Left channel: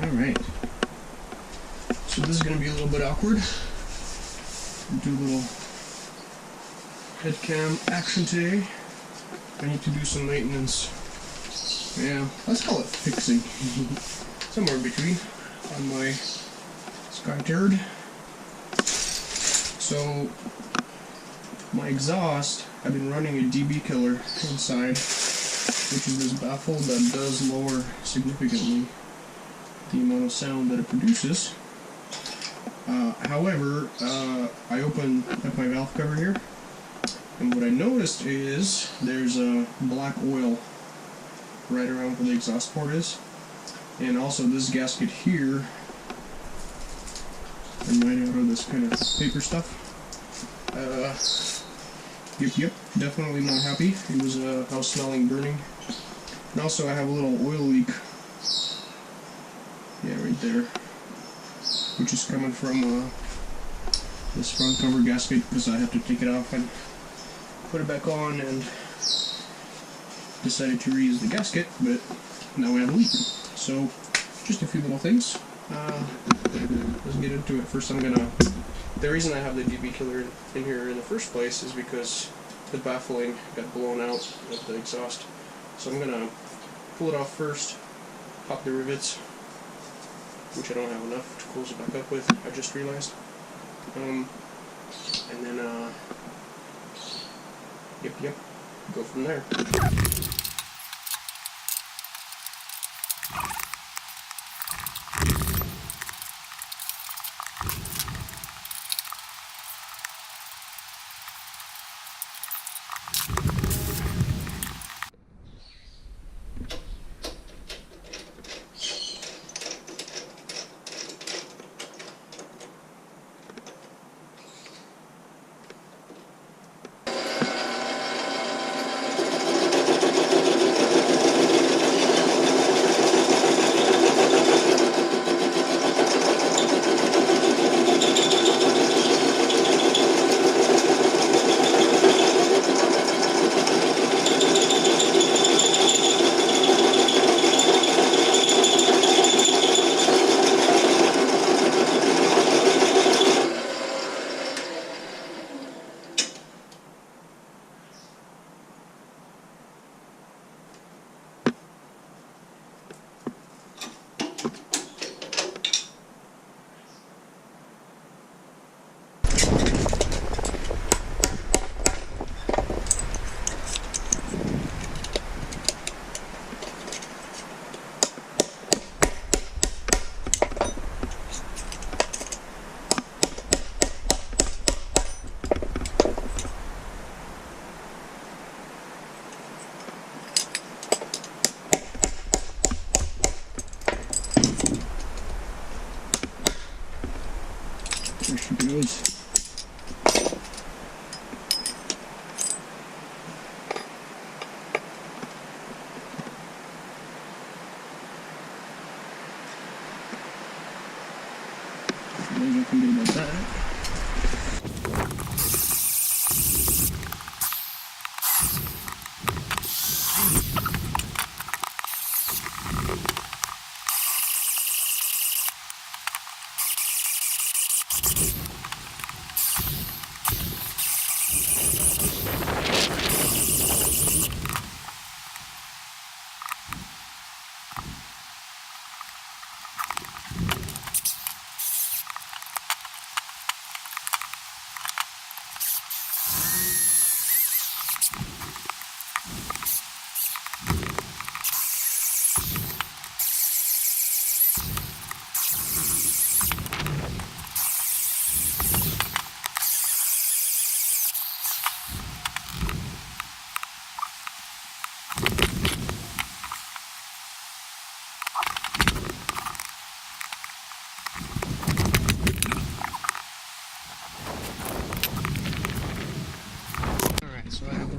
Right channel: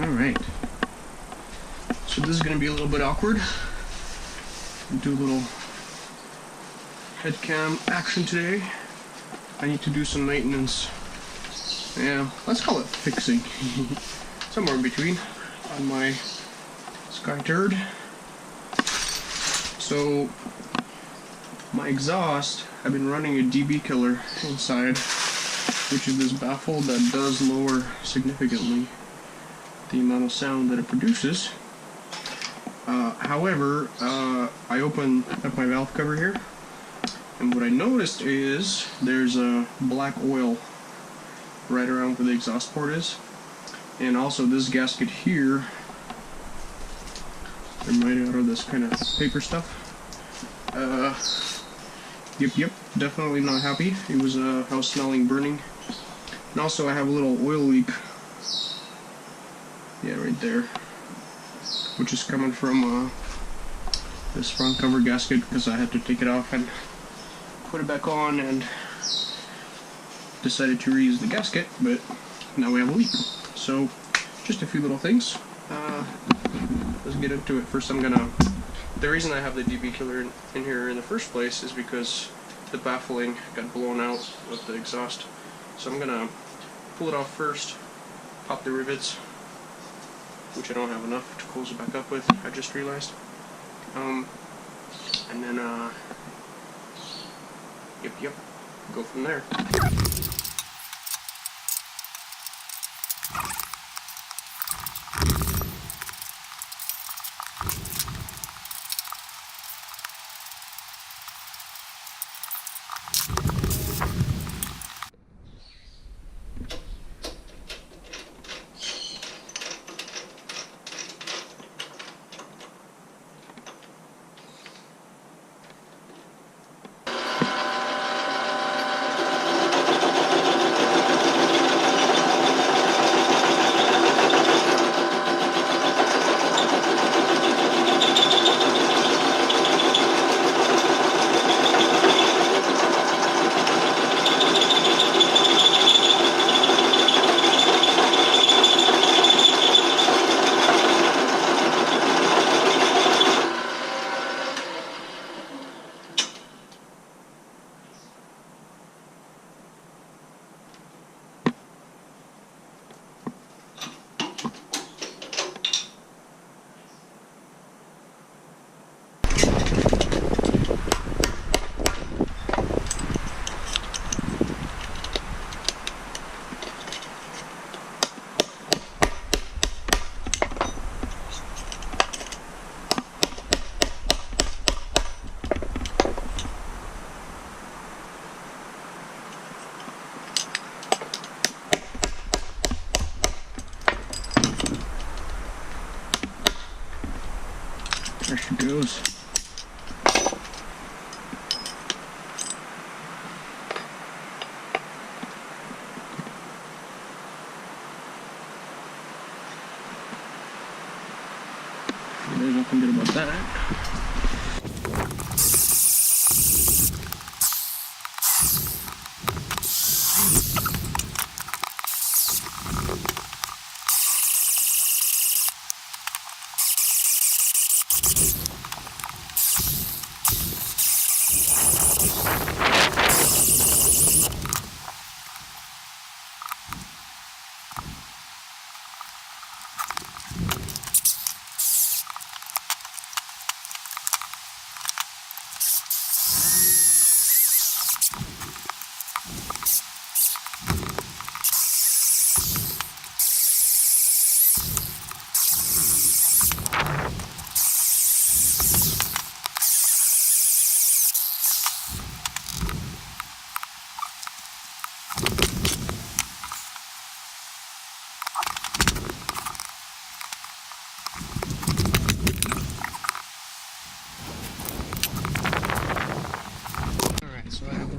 Alright. So this is going to be a little bit awkward. Do a little head cam action today. I need to do some maintenance. Yeah, let's call it fixing. Somewhere in between on my Turd. So my exhaust, I've been running a dB killer inside, which is this baffle that does lower significantly the amount of sound that it produces. However, I opened up my valve cover here, and what I noticed is there's a black oil right around where the exhaust port is, and also this gasket here, they're made out of this kind of paper stuff. Yep, definitely not happy. It was I was smelling burning, and also I have a little oil leak. Yeah, right there, which is coming from this front cover gasket, because I had to take it off and put it back on, and decided to reuse the gasket, but now we have a leak. So just a few little things. Let's get into it. First, the reason I have the dB killer in here in the first place is because the baffling got blown out of the exhaust. So I'm gonna pull it off first, pop the rivets, which I don't have enough to close it back up with, I just realized. And then, yep, go from there. There she goes. There's nothing good about that.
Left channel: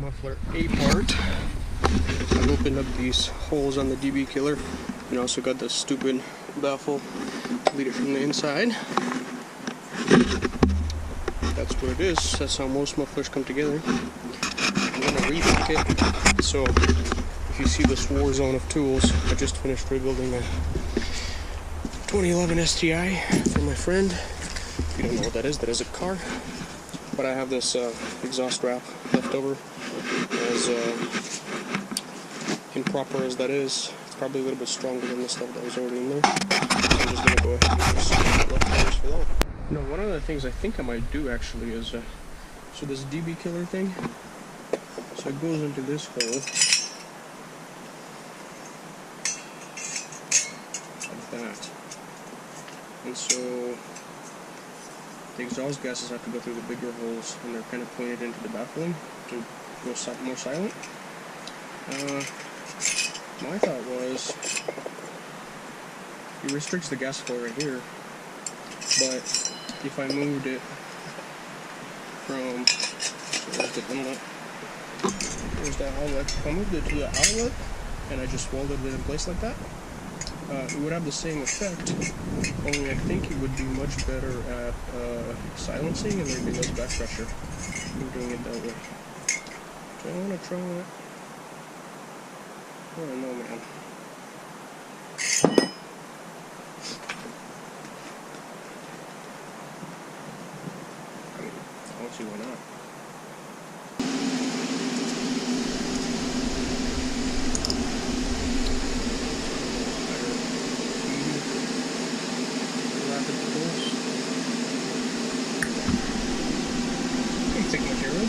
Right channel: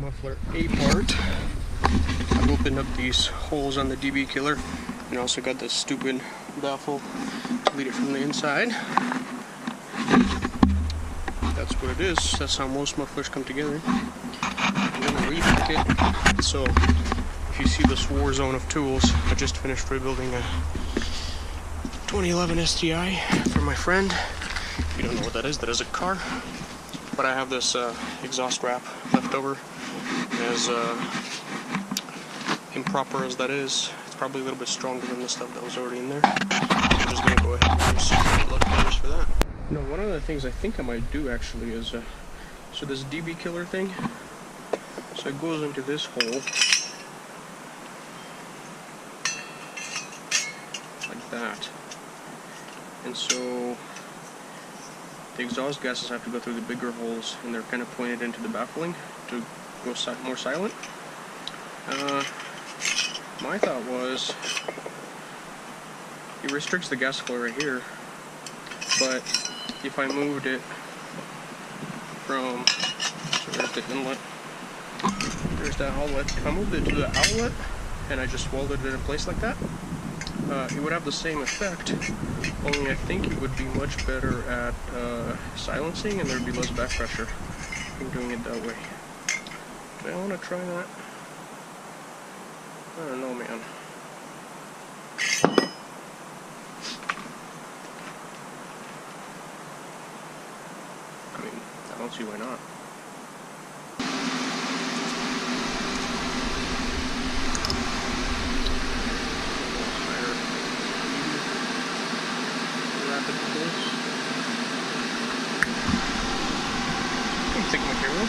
Muffler A part. I've opened up these holes on the dB killer, and also got the stupid baffle to lead it from the inside. That's what it is. That's how most mufflers come together. I'm gonna repack it. So if you see this war zone of tools, I just finished rebuilding 2011 STI from my friend. If you don't know what that is a car. But I have this exhaust wrap left over. As improper as that is, it's probably a little bit stronger than the stuff that was already in there. So I'm just going to go ahead and use leftovers for that. Now, one of the things I think I might do actually is, so this DB killer thing, so it goes into this hole, like that. And so the exhaust gases have to go through the bigger holes, and they're kind of pointed into the baffling to go more silent. My thought was, it restricts the gas flow right here, but if I moved it from, so there's the inlet, there's that outlet, if I moved it to the outlet and I just welded it in place like that, it would have the same effect, only I think it would be much better at silencing, and there would be less back pressure in doing it that way. Do I want to try that? I don't know, man. I mean, I don't see why not. Rapid pulse. Pretty thick material.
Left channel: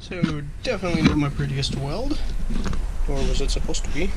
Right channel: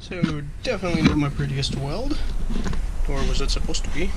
So definitely not my prettiest weld, or was it supposed to be?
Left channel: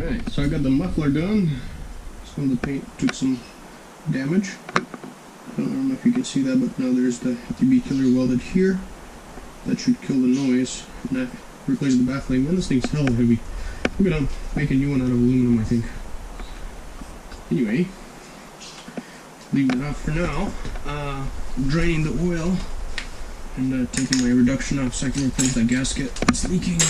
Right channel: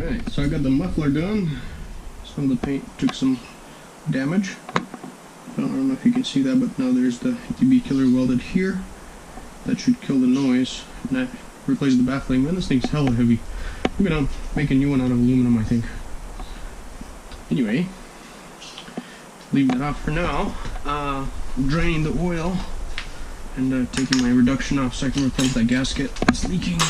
Alright, so I got the muffler done. Some of the paint took some damage. I don't know if you can see that, but now there's the DB killer welded here. That should kill the noise. And that replaces the baffling. Man, this thing's hella heavy. I'm gonna make a new one out of aluminum, I think. Anyway, leave that off for now. Draining the oil and taking my reduction off so I can replace that gasket that's leaking.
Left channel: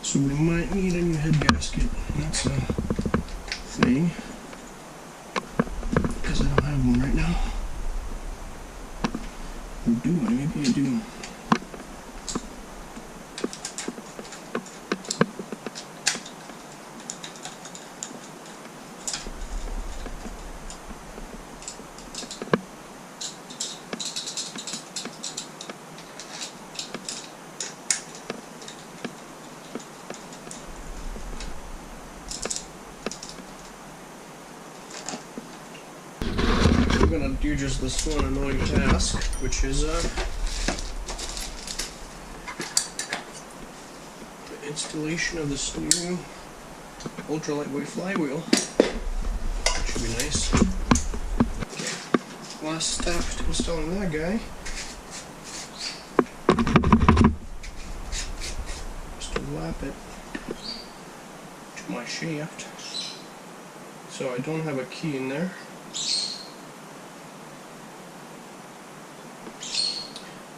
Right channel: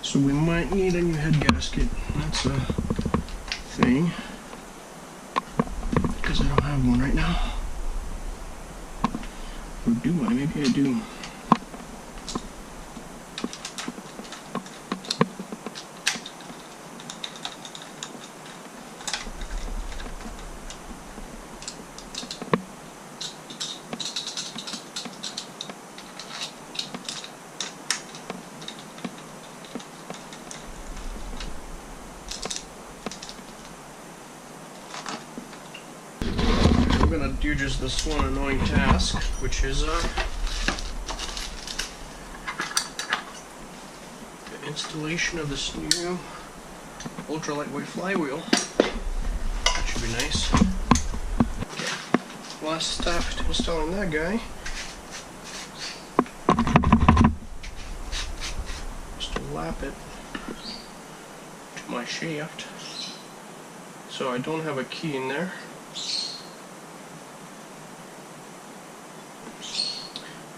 So we might need a new head gasket. That's a thing, because I don't have one right now. Or do I? Maybe I do. I'm gonna do just this one annoying task, which is the installation of this new ultra lightweight flywheel. That should be nice. Okay, last step to installing that guy is to lap it to my shaft. So I don't have a key in there.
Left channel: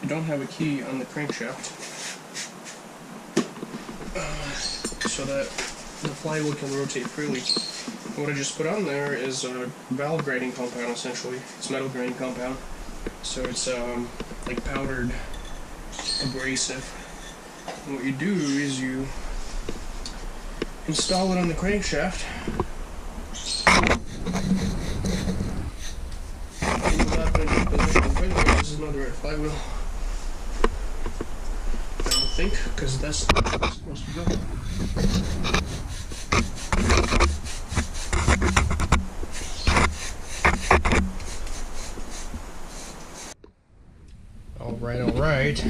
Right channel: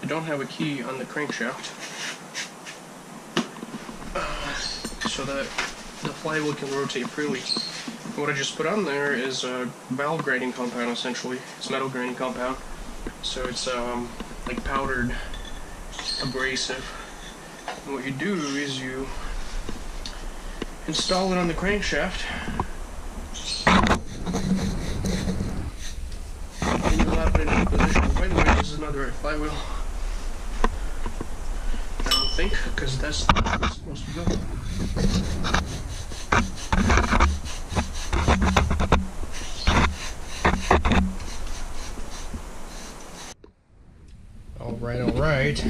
I don't have a key on the crankshaft, so that the flywheel can rotate freely. And what I just put on there is a valve grinding compound, essentially. It's metal grinding compound, so it's like powdered abrasive. And what you do is you install it on the crankshaft, and you lap it into position. By the way, this is not the right flywheel. I don't think, because that's not where it's supposed to go. Alright.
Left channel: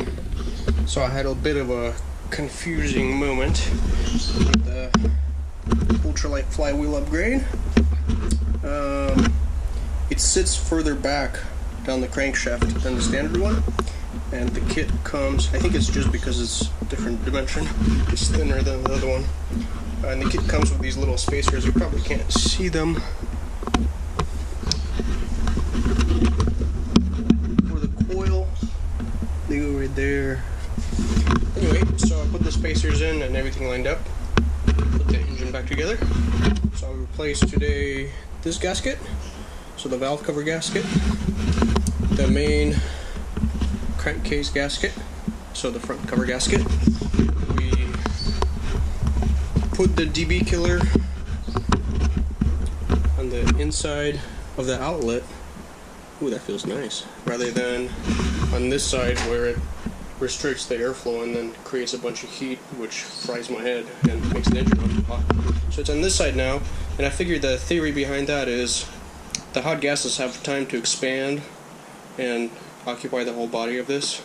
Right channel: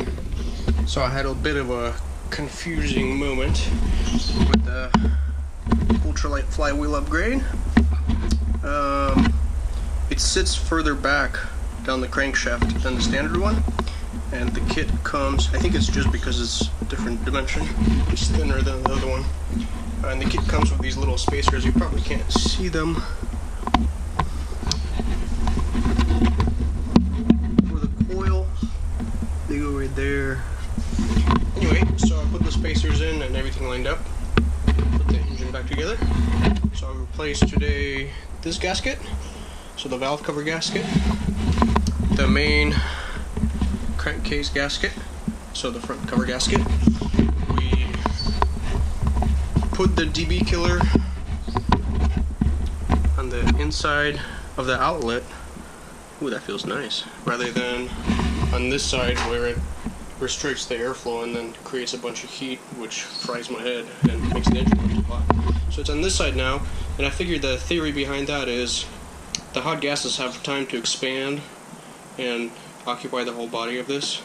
So I had a bit of a confusing moment with the ultralight flywheel upgrade. It sits further back down the crankshaft than the standard one. And the kit comes, I think it's just because it's a different dimension, it's thinner than the other one. And the kit comes with these little spacers, you probably can't see them. For the coil, they go right there. Anyway, so I put the spacers in and everything lined up. Put the engine back together. So I replaced today this gasket, so the valve cover gasket, the main crankcase gasket, so the front cover gasket. We put the DB killer on the inside of the outlet. Ooh, that feels nice. Rather than on this side where it restricts the airflow and then creates a bunch of heat, which fries my head and makes the engine run too hot. So it's on this side now, and I figured the theory behind that is the hot gases have time to expand and occupy the whole body of this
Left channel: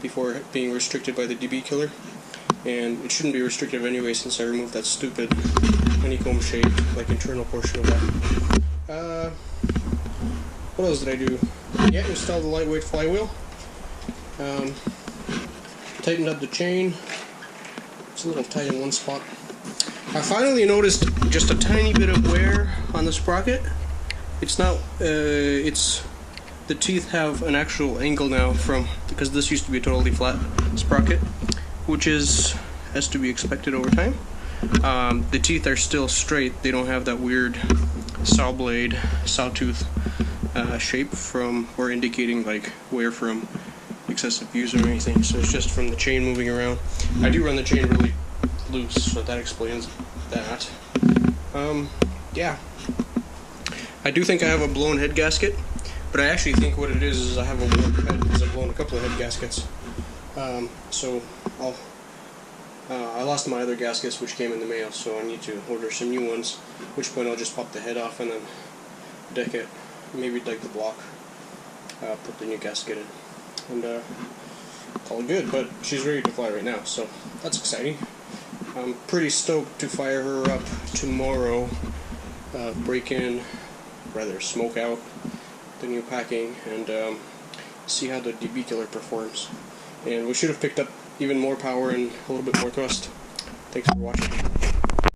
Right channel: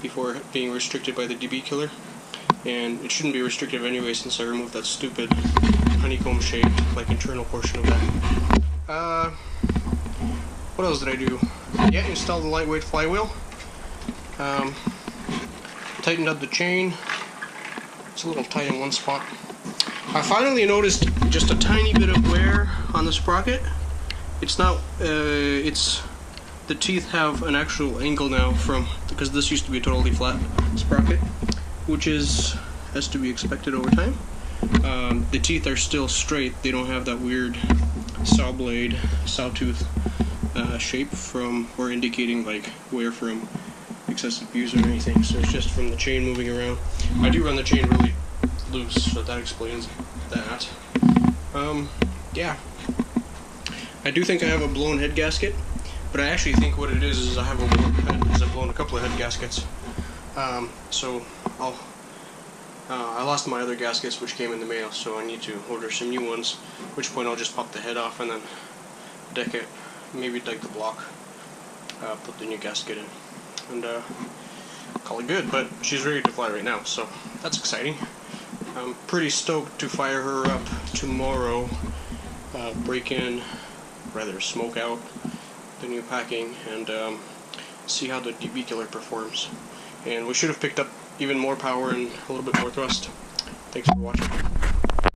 before being restricted by the DB killer, and it shouldn't be restrictive anyway since I removed that stupid honeycomb shaped like internal portion of that. What else did I do? Yeah, installed the lightweight flywheel, tightened up the chain. It's a little tight in one spot. I finally noticed just a tiny bit of wear on the sprocket. It's not the teeth have an actual angle now because this used to be a totally flat sprocket, which has to be expected over time. The teeth are still straight, they don't have that weird sawtooth shape or indicating like wear from excessive use or anything, so it's just from the chain moving around. I do run the chain really loose, so that explains that. Yeah. I do think I have a blown head gasket. But I actually think what it is I have a warped head because I've blown a couple of head gaskets. So I lost my other gaskets which came in the mail, so I need to order some new ones, at which point I'll just pop the head off and then deck it, maybe deck the block, put the new gasket in, and call it good. But she's ready to fly right now, so that's exciting. I'm pretty stoked to fire her up tomorrow, smoke out the new packing, and see how the DB killer performs. And we should have picked up even more power and a little bit more thrust. Thanks for watching.